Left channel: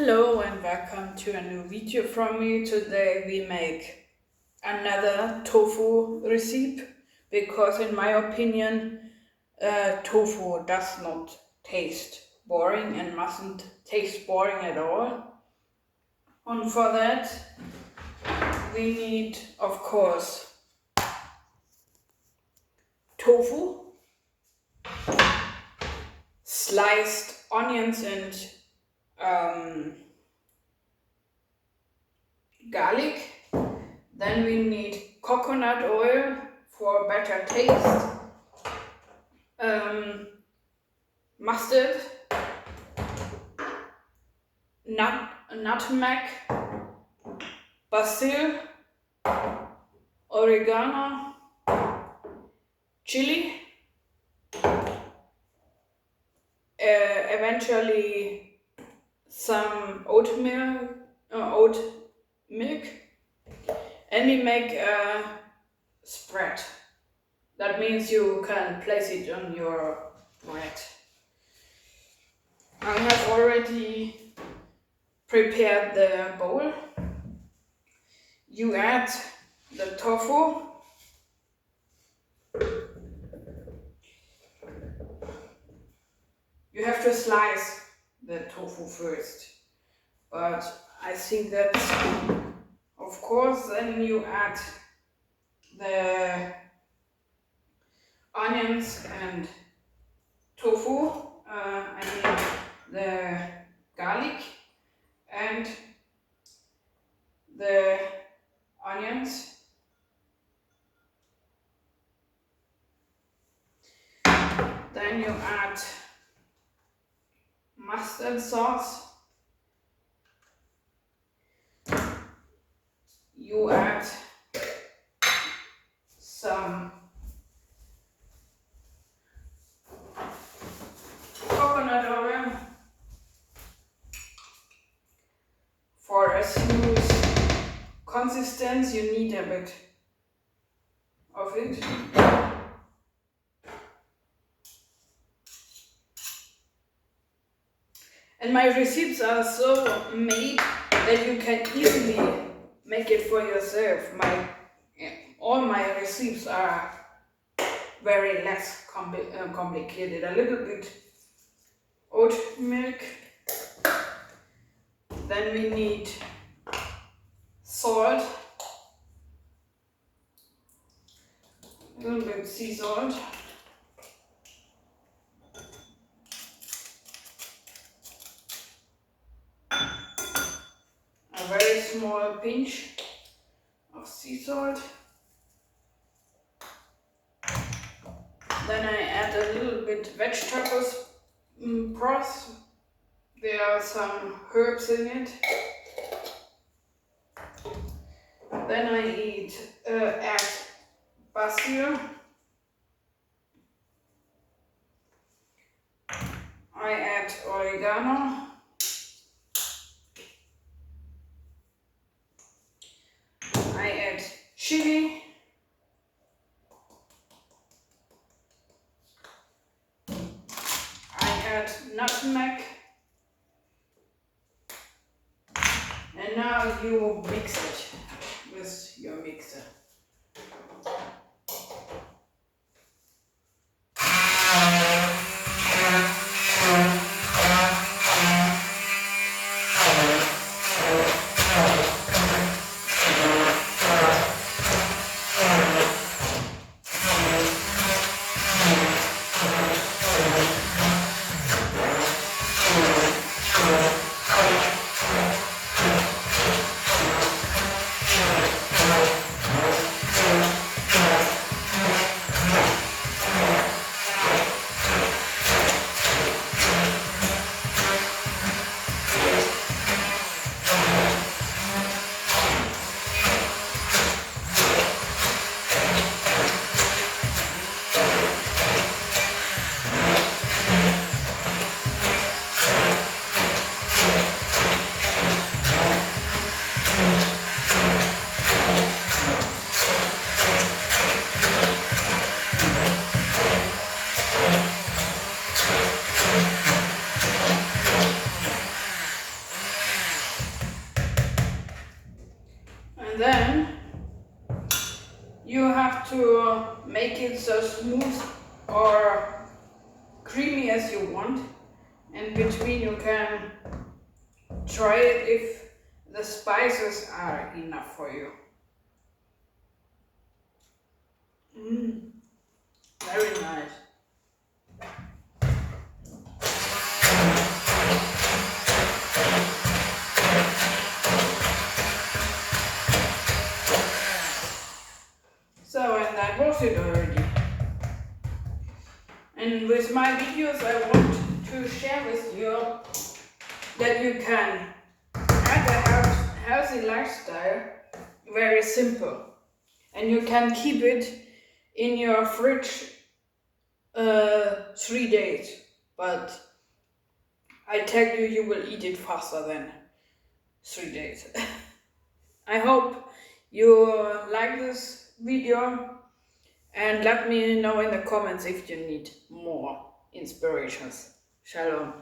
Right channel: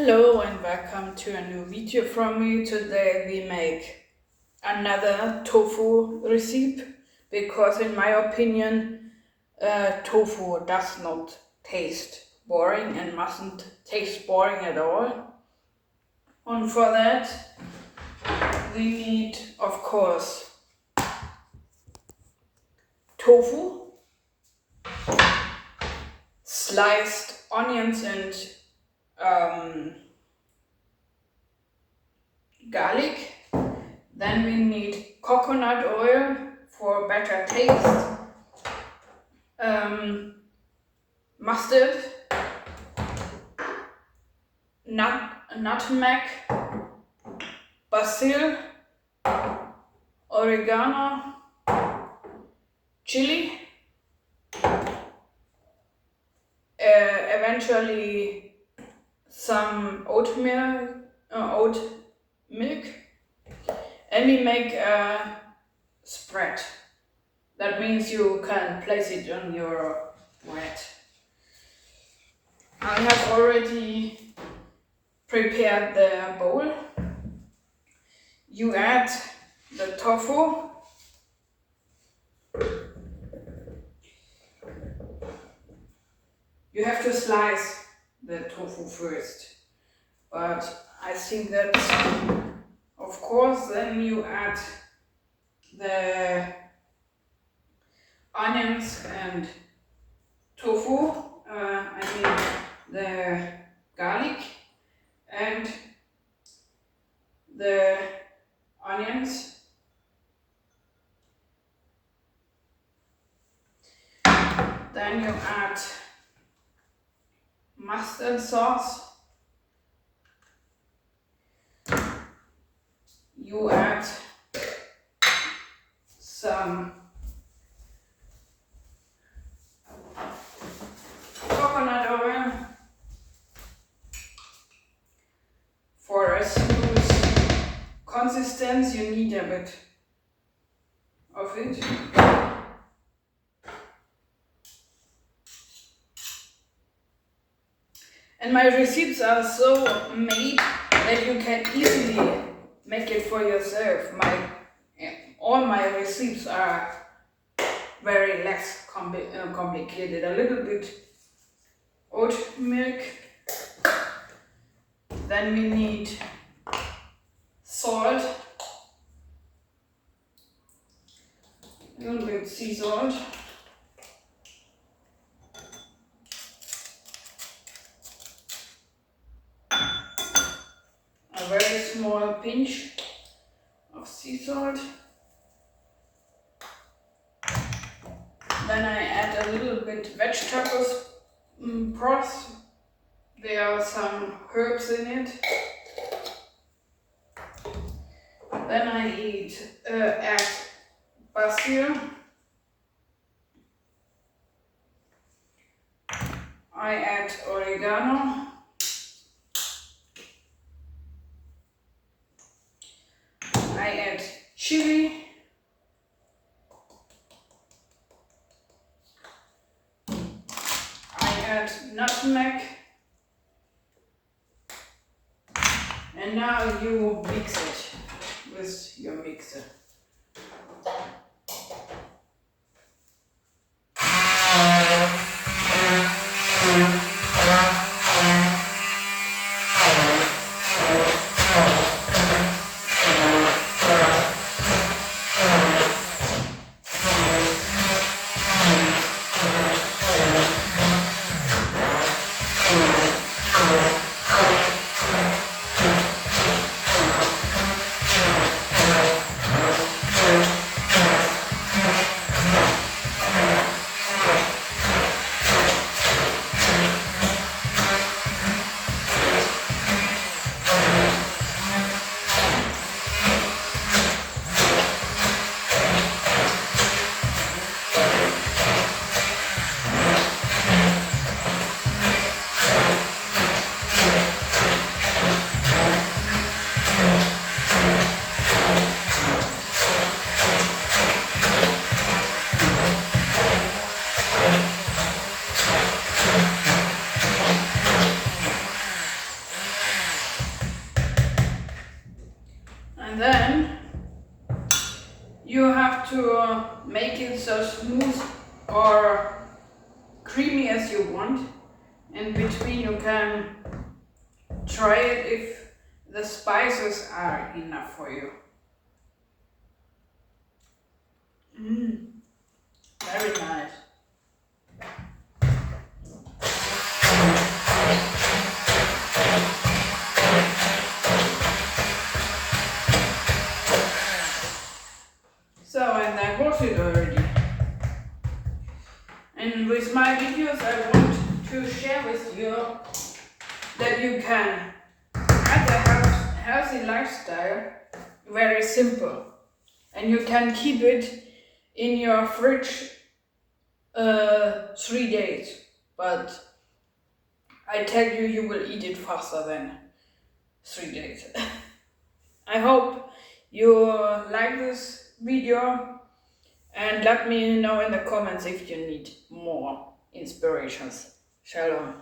Hello and welcome to a new video from me. Today we make another tofu recipe because in my opinion tofu does not taste boring and mustn't taste boring at all. And for that we need, of course, tofu, sliced onions and garlic. Then we need coconut oil for better taste, mustard, nutmeg, basil, oregano, chili, eventually some oatmeal, oat milk, and we make a spread. That means you can place it on your bread. I have already prepared the bowl. You add the tofu. You have to slice the tofu first, but I think that, of course, then you add the onions and tofu, the garlic and the onions. Then you add mustard sauce. You add some coconut oil for a smooth consistency. You need a bit of it. And my recipes are so made that you can easily make it for yourself. All my recipes are very less complicated. A little bit oat milk. Then we need salt, a little bit sea salt. A very small pinch of sea salt. Then I add a little bit vegetables broth. There are some herbs in it. Then I add basil. I add oregano. I add chili. I add nutmeg. And now you mix it with your mixer. And then you have to make it so smooth or creamy as you want. In between you can try it if the spices are enough for you. Very nice. So, and that was it already. And with my videos I want to share with you that you can have a healthy lifestyle, very simple. And you can keep it in your fridge 3 days. But I tell you, you will eat it faster than 3 days. I hope you like this video and let me know in the comments if you need more inspirations. Shalom.